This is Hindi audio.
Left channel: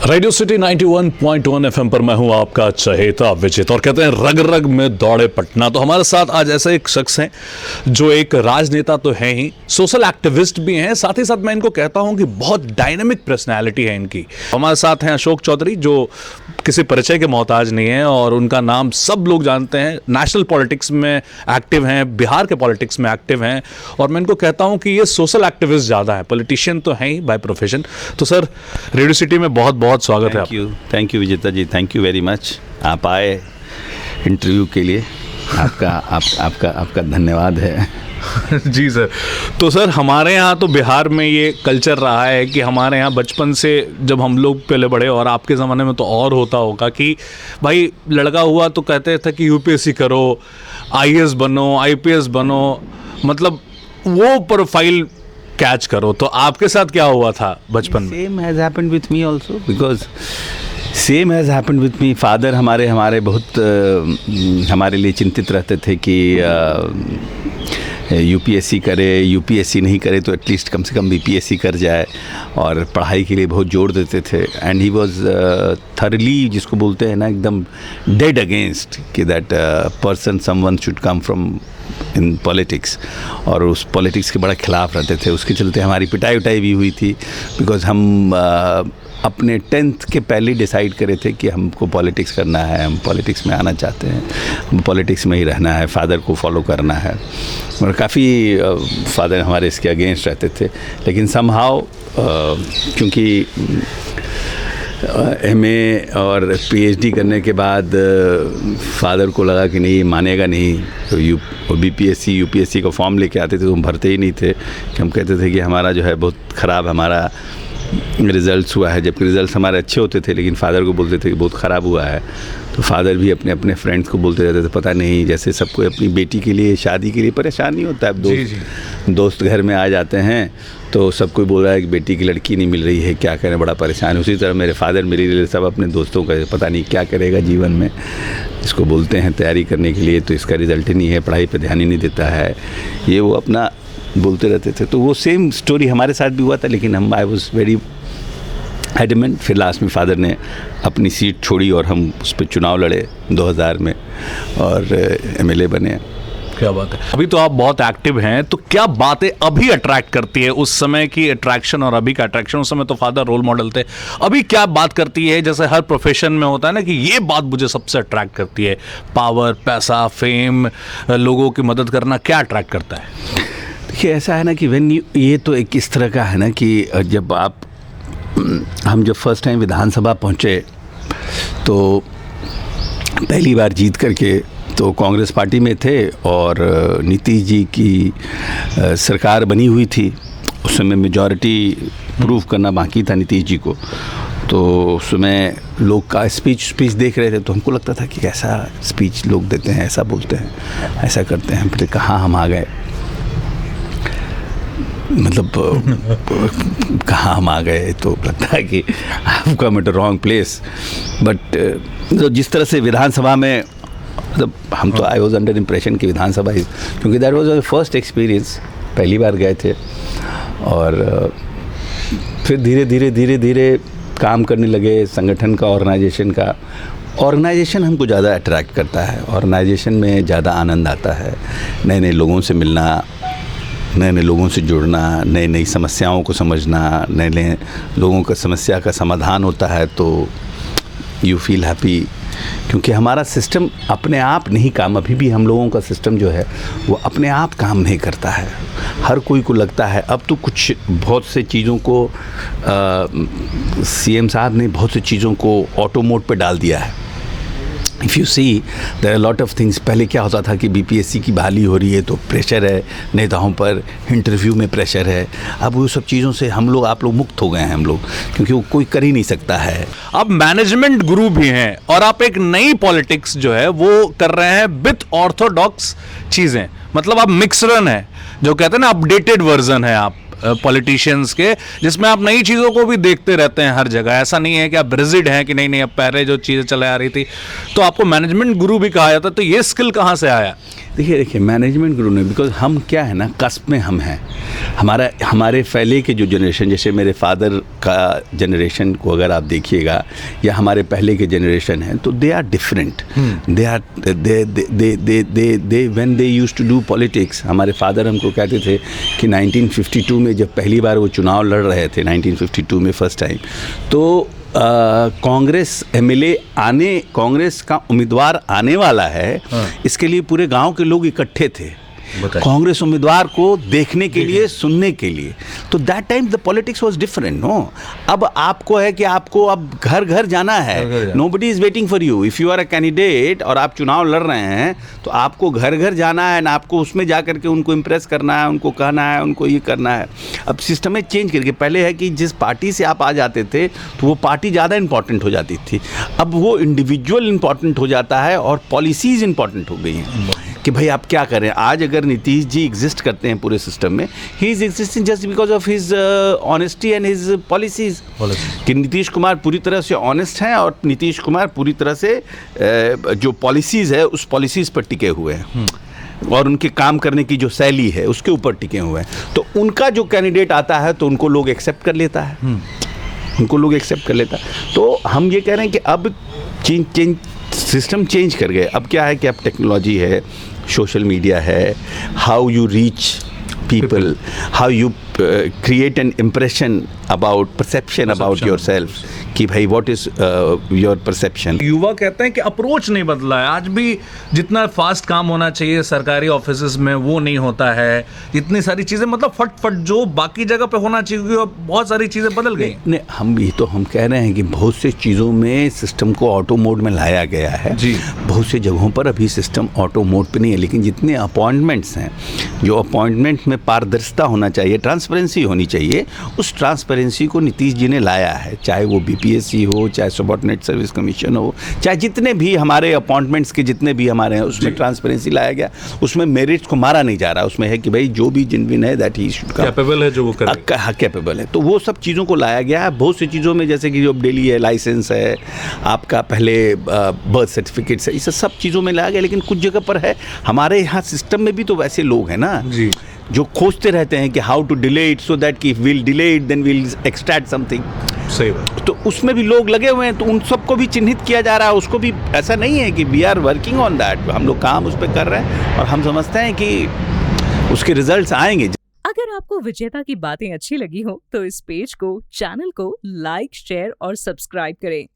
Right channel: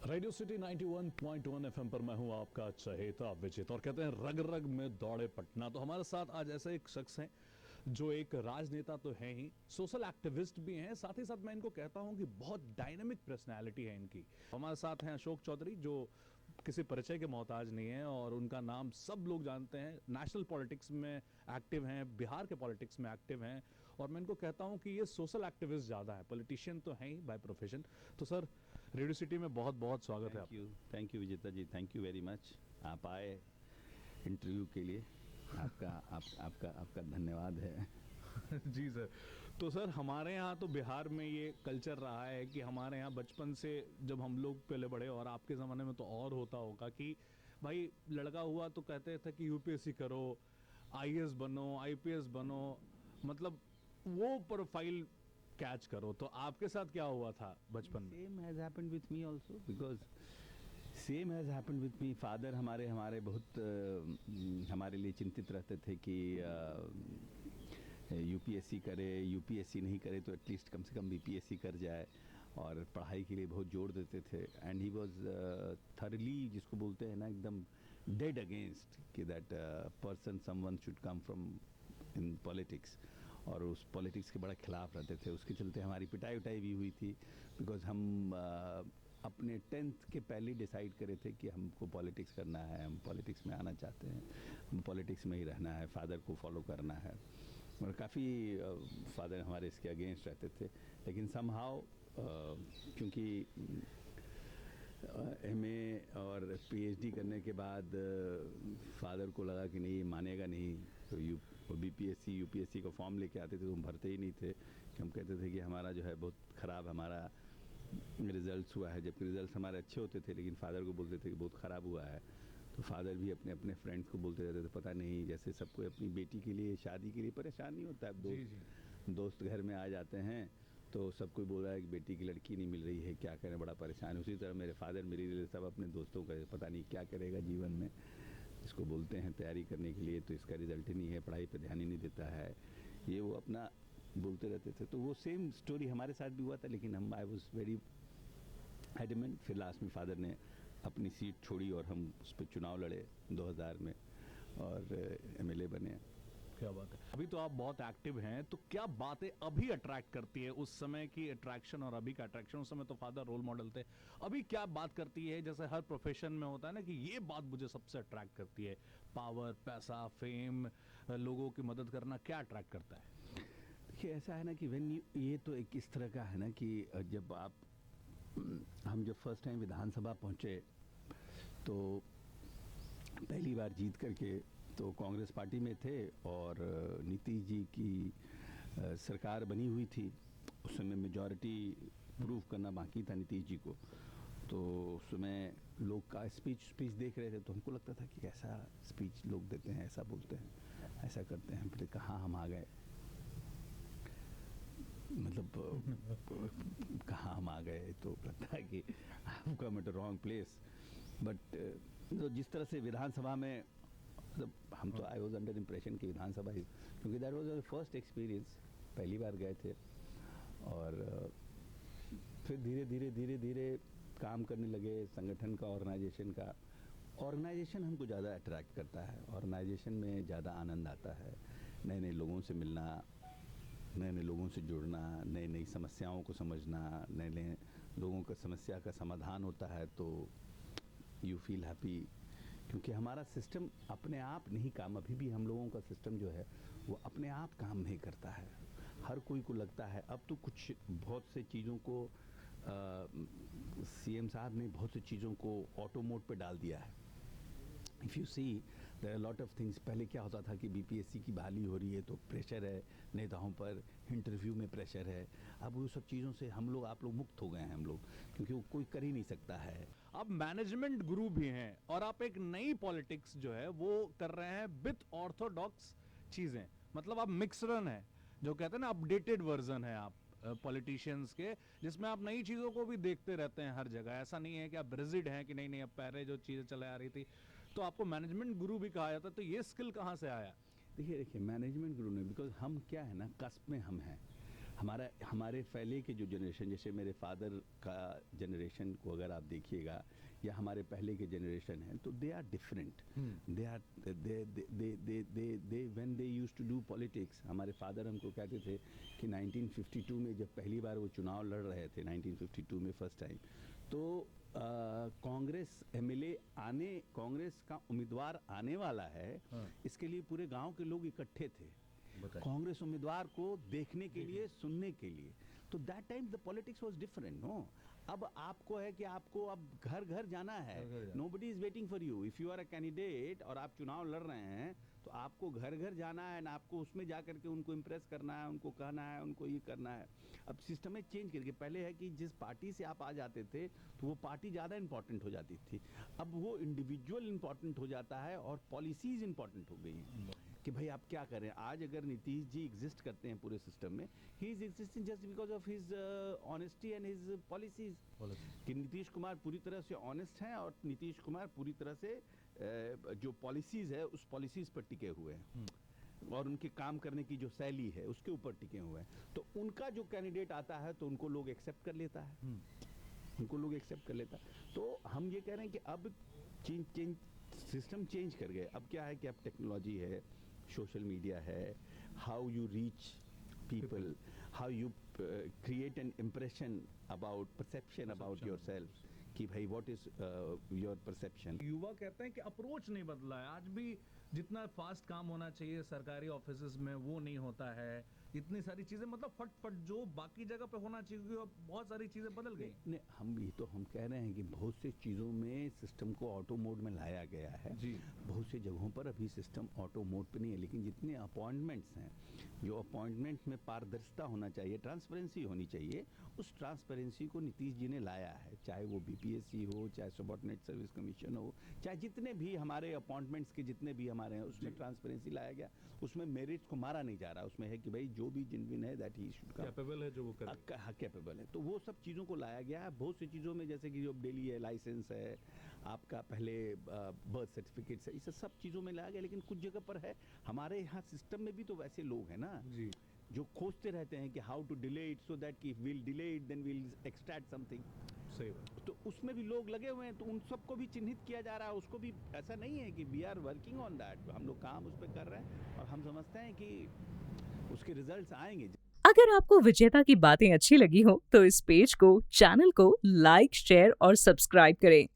रेडियो सिटी 91.1 एफएम पर मैं हूं आपका चहेता विजित और कहते हैं रग रग में दौड़े पटना। तो हमारे साथ आज ऐसे एक शख्स हैं जो एक राजनेता तो हैं ही, सोशल एक्टिविस्ट भी हैं, साथ ही साथ मैं इनको कहता हूं कि बहुत डायनेमिक पर्सनैलिटी है इनकी। हमारे साथ हैं अशोक चौधरी जो किसी परिचय के मोहताज नहीं है और उनका नाम सब लोग जानते हैं। नेशनल पॉलिटिक्स में एक्टिव हैं, बिहार के पॉलिटिक्स में एक्टिव हैं और मैं इनको कहता हूं कि ये सोशल एक्टिविस्ट ज़्यादा है, पॉलिटिशियन तो हैं ही बाय प्रोफेशन। तो सर रेडियो सिटी में बहुत बहुत स्वागत है। थैंक यू विजेता जी, थैंक यू वेरी मच। आप आए इंटरव्यू के लिए, आपका धन्यवाद है। जी सर। तो सर हमारे यहाँ तो बिहार में ये कल्चर रहा है कि हमारे यहाँ बचपन से जब हम लोग पहले बड़े, और आपके ज़माने में तो और होता होगा कि भाई लड़का हुआ तो कहते थे कि यूपीएससी करो, आईएएस बनो, आईपीएस बनो, मतलब वो प्रोफाइल कैच करो। तो आपके साथ क्या हुआ था बचपन में? Same has happened with me also, because same has happened with me. Father हमारे बहुत हमारे लिए चिंतित रहते थे कि यूपीएससी करे, यूपीएससी नहीं करे तो एटलीस्ट कम से कम बीपीएससी कर जाए, और पढ़ाई के लिए बहुत जोर देते थे। एंड ही वाज थरली, जिसको बोलते हैं ना, एकदम डेड अगेंस्ट कि that person someone should come from in politics, और उस पॉलिटिक्स के बड़ा खिलाफ रहते थे। उसके चलते हमारी पिटाई उटाई भी हुई थी, बिकॉज हम अपने 10th के पहले डिसाइड करे थे कि हमको पॉलिटिक्स करना है, हम पॉलिटिक्स में आना चाहते हैं, हम पॉलिटिक्स में ही रहना है, फादर को फॉलो करना है। और काफ़ी फादर हमारे इसके अगेंस्ट रहते थे, लेकिन समहाउ क्योंकि एमए और पीएचडी करने के बाद फादर को लगा कि नहीं, मानेगा नहीं, तो बीपीएससी यूपीएससी का फॉर्म लेके आते थे तो हम भरते ही नहीं थे। कि हम कहते थे कि हमारा जो है बहुत ख़राब हमारा रिज़ल्ट्स हुआ है, जबकि रिज़ल्ट्स हमारे अच्छे होते थे, लेकिन फादर को बोलते थे कि बहुत ख़राब हुआ है। तो फादर भी अपने अपने फ्रेंड्स को बोलते रहते थे, पता नहीं, जैसे सबको अपनी बेटी के लिए, शादी के लिए परेशान नहीं होता है। अब दोस्त घर में आ जाते हैं तो सब कोई बोल रहा है कि बेटी की लड़की नहीं मिल रही है, क्या करें, बड़ा परेशान है। उसी तरह मेरे फादर मेरे लिए सब अपने दोस्तों का, पता नहीं क्या करेगा जीवन में, इसको बोलते हैं तैयारी करने के लिए तो इसका रिज़ल्ट ही नहीं है, पढ़ाई पर ध्यान ही नहीं देता है, ये वो अपना बोलते रहते थे। तो वो सेम स्टोरी हमारे साथ भी हुआ था, लेकिन हम आई वॉज वेरी एडमेंट। फिर लास्ट में फादर ने अपनी सीट छोड़ी और हम उस पर चुनाव लड़े 2000 में और एमएलए बने। क्या बात है। अभी तो आप बहुत एक्टिव हैं, तो क्या बातें अभी अट्रैक्ट करती है? उस समय की अट्रैक्शन और अभी का अट्रैक्शन, उस समय तो फादर रोल मॉडल थे, अभी क्या बात करती है? जैसे हर प्रोफेशन में होता है ना कि ये बात मुझे सबसे अट्रैक्ट करती है, पावर, पैसा, फेम, लोगों की मदद करना, क्या अट्रैक्ट करता है? देखिए ऐसा है ना कि ये तो एक इस तरह का है ना कि जब हम जब फर्स्ट टाइम विधानसभा पहुँचे तो पहली बार जीत करके तो कांग्रेस पार्टी में थे और नीतीश जी की सरकार बनी हुई थी। उस समय मेजॉरिटी प्रूव करना बाकी था नीतीश जी को। तो उस समय लोग का स्पीच देख रहे थे तो हमको लगता था कि कैसा स्पीच लोग देते हैं, ऐसा बोलते हैं, ऐसा करते हैं। फिर कहाँ हम आ गए, मतलब कहाँ हम आ गए, तो लगता है कि I come at a wrong place. But जिस तरह से विधानसभा में, मतलब हम तो आई वॉज अंडर इम्प्रेशन कि विधानसभा, क्योंकि that was our first experience, पहली बार गए थे। और फिर धीरे धीरे काम करने लगे संगठन का, ऑर्गेनाइजेशन हमको ज़्यादा अट्रैक्ट करता है। ऑर्गेनाइजेशन में ज़्यादा आनंद आता है, नए नए लोगों से मिलना, नए नए लोगों से जुड़ना, नई नई समस्याओं को समझना, नए नए लोगों का समस्या का समाधान होता है तो यू फील हैप्पी। क्योंकि हमारा सिस्टम अपने आप नहीं काम, अभी भी हम लोगों का सिस्टम जो है वो अपने आप काम नहीं करता है। हर कोई को लगता है, अब तो कुछ बहुत से चीज़ों को सीएम साहब ने बहुत सी चीज़ों को ऑटो मोड पे डाल दिया है। If you see there are lot of things. पहले क्या होता था कि बीपीएससी की बहाली हो रही है तो प्रेशर है नेताओं पर, इंटरव्यू में प्रेशर है। अब वो सब चीज़ों से आप लोग मुक्त हो गए हैं हम लोग, क्योंकि वो कोई कर ही नहीं सकता है। आप मैनेजमेंट गुरु भी हैं और आप एक नई पॉलिटिक्स जो है वो कर रहे हैं विथ ऑर्थोडॉक्स चीज़ें, मतलब आप मिक्सरन है, जो कहते हैं ना अपडेटेड वर्जन है आप पॉलिटिशियंस के, जिसमें आप नई चीज़ों को भी देखते रहते हैं हर जगह। ऐसा नहीं है कि आप रिजिड हैं कि नहीं अब पहले जो चीज़ें चले आ रही थी। तो आपको मैनेजमेंट गुरु भी कहा जाता है, तो ये स्किल कहाँ से आया? देखिए मैनेजमेंट गुरु ने, बिकॉज हम क्या है ना, कस्प में हम हैं। हमारे पहले के जो जनरेशन, जैसे मेरे फादर का जनरेशन को अगर आप देखिएगा या हमारे पहले के जनरेशन हैं, तो they are different. They are they when they used to do politics, हमारे फादर हमको कहते थे कि 1952 में जब पहली बार वो चुनाव लड़ रहे थे, 1952 में फर्स्ट टाइम, तो कांग्रेस एमएलए कांग्रेस का उम्मीदवार आने वाला है, इसके लिए पूरे गांव के लोग इकट्ठे थे कांग्रेस उम्मीदवार को देखने के लिए, सुनने के लिए। तो that time the politics was different. No, अब आपको है कि आपको अब घर घर जाना है, nobody is waiting for you. If you are a candidate और आप चुनाव लड़ रहे हैं, तो आपको घर घर जाना है ना, आपको उसमें जा करके उनको इम्प्रेस करना है, उनको कहना है, उनको ये करना है। अब सिस्टम में चेंज करके, पहले है कि जिस पार्टी से आप आ जाते थे तो वो पार्टी ज़्यादा इंपॉर्टेंट हो जाती थी, अब वो इंडिविजुअल इंपॉर्टेंट हो जाता है और पॉलिसीज़ इंपॉर्टेंट हो गई हैं कि भाई आप क्या करें। आज अगर नीतीश जी एग्जिस्ट करते हैं पूरे सिस्टम में, he is existing just because of his honesty and his policies. कि नीतीश कुमार पूरी तरह से ऑनेस्ट हैं और नीतीश कुमार पूरी तरह से जो पॉलिसीज़ है उस पॉलिसीज़ पर टिके हुए हैं और उनके काम करने की जो शैली है उसके ऊपर टिके हुए हैं। तो उनका जो कैंडिडेट आता है तो उनको लोग एक्सेप्ट कर लेता है, उनको लोग एक्सेप्ट कर लेता है। तो हम ये कह रहे हैं कि अब सिस्टम चेंज कर गए। अब क्या है कि अब टेक्नोलॉजी है, सोशल मीडिया है, how you reach people, how you create an impression about perception about yourself कि भाई what is your perception। युवा कहते हैं कि अप्रोच नहीं बदला है, आज भी जितना फास्ट काम होना चाहिए सरकारी ऑफिसेज में वो नहीं होता है, इतनी सारी चीजें मतलब फट जो बाकी जगह पे होना चाहिए बहुत सारी चीजें बदल गई। नहीं, हम भी तो हम कह रहे हैं कि बहुत से चीज़ों में सिस्टम को ऑटो मोड में लाया गया है जी। बहुत से जगहों पर अभी सिस्टम ऑटो मोड पे नहीं है, लेकिन जितने अपॉइंटमेंट्स हैं, जो अपॉइंटमेंट में पारदर्शिता होना चाहिए, ट्रांसपेरेंसी होनी चाहिए, उस ट्रांसपेरेंसी को नीतीश जी ने लाया है। चाहे वो बीपीएससी हो, चाहे सबऑर्डिनेट सर्विस कमीशन हो, चाहे जितने भी हमारे अपॉइंटमेंट्स के जितने भी हमारे हैं उसमें ट्रांसपेरेंसी लाया गया। उसमें मेरिट्स को मारा नहीं जा रहा, उसमें है कि भाई जो भी जिनविन है दैट ही शुड कैपेबल है, जो वो करे, कैपेबल है। तो वो सब चीज़ों को लाया गया है। बहुत सी चीज़ों में जैसे कि जो डेली है, लाइसेंस है, आपका पहले बर्थ सर्टिफिकेट्स है, इस सब चीज़ों में लाया गया। लेकिन कुछ जगह पर है, हमारे यहाँ सिस्टम में भी तो वैसे लोग हैं ना जी, जो खोजते रहते हैं कि how to delay it so that कि will delay it then will extract something. सही बात। तो उसमें भी लोग लगे हुए हैं, तो उन सबको भी चिन्हित किया जा रहा है। उसको भी ऐसा नहीं है कि we are working on that, हम लोग काम उस पर कर रहे हैं और हम समझते हैं कि उसके रिजल्ट्स आएंगे। अगर आपको विजेता की बातें अच्छी लगी हो तो इस पेज को, चैनल को लाइक, शेयर और सब्सक्राइब करें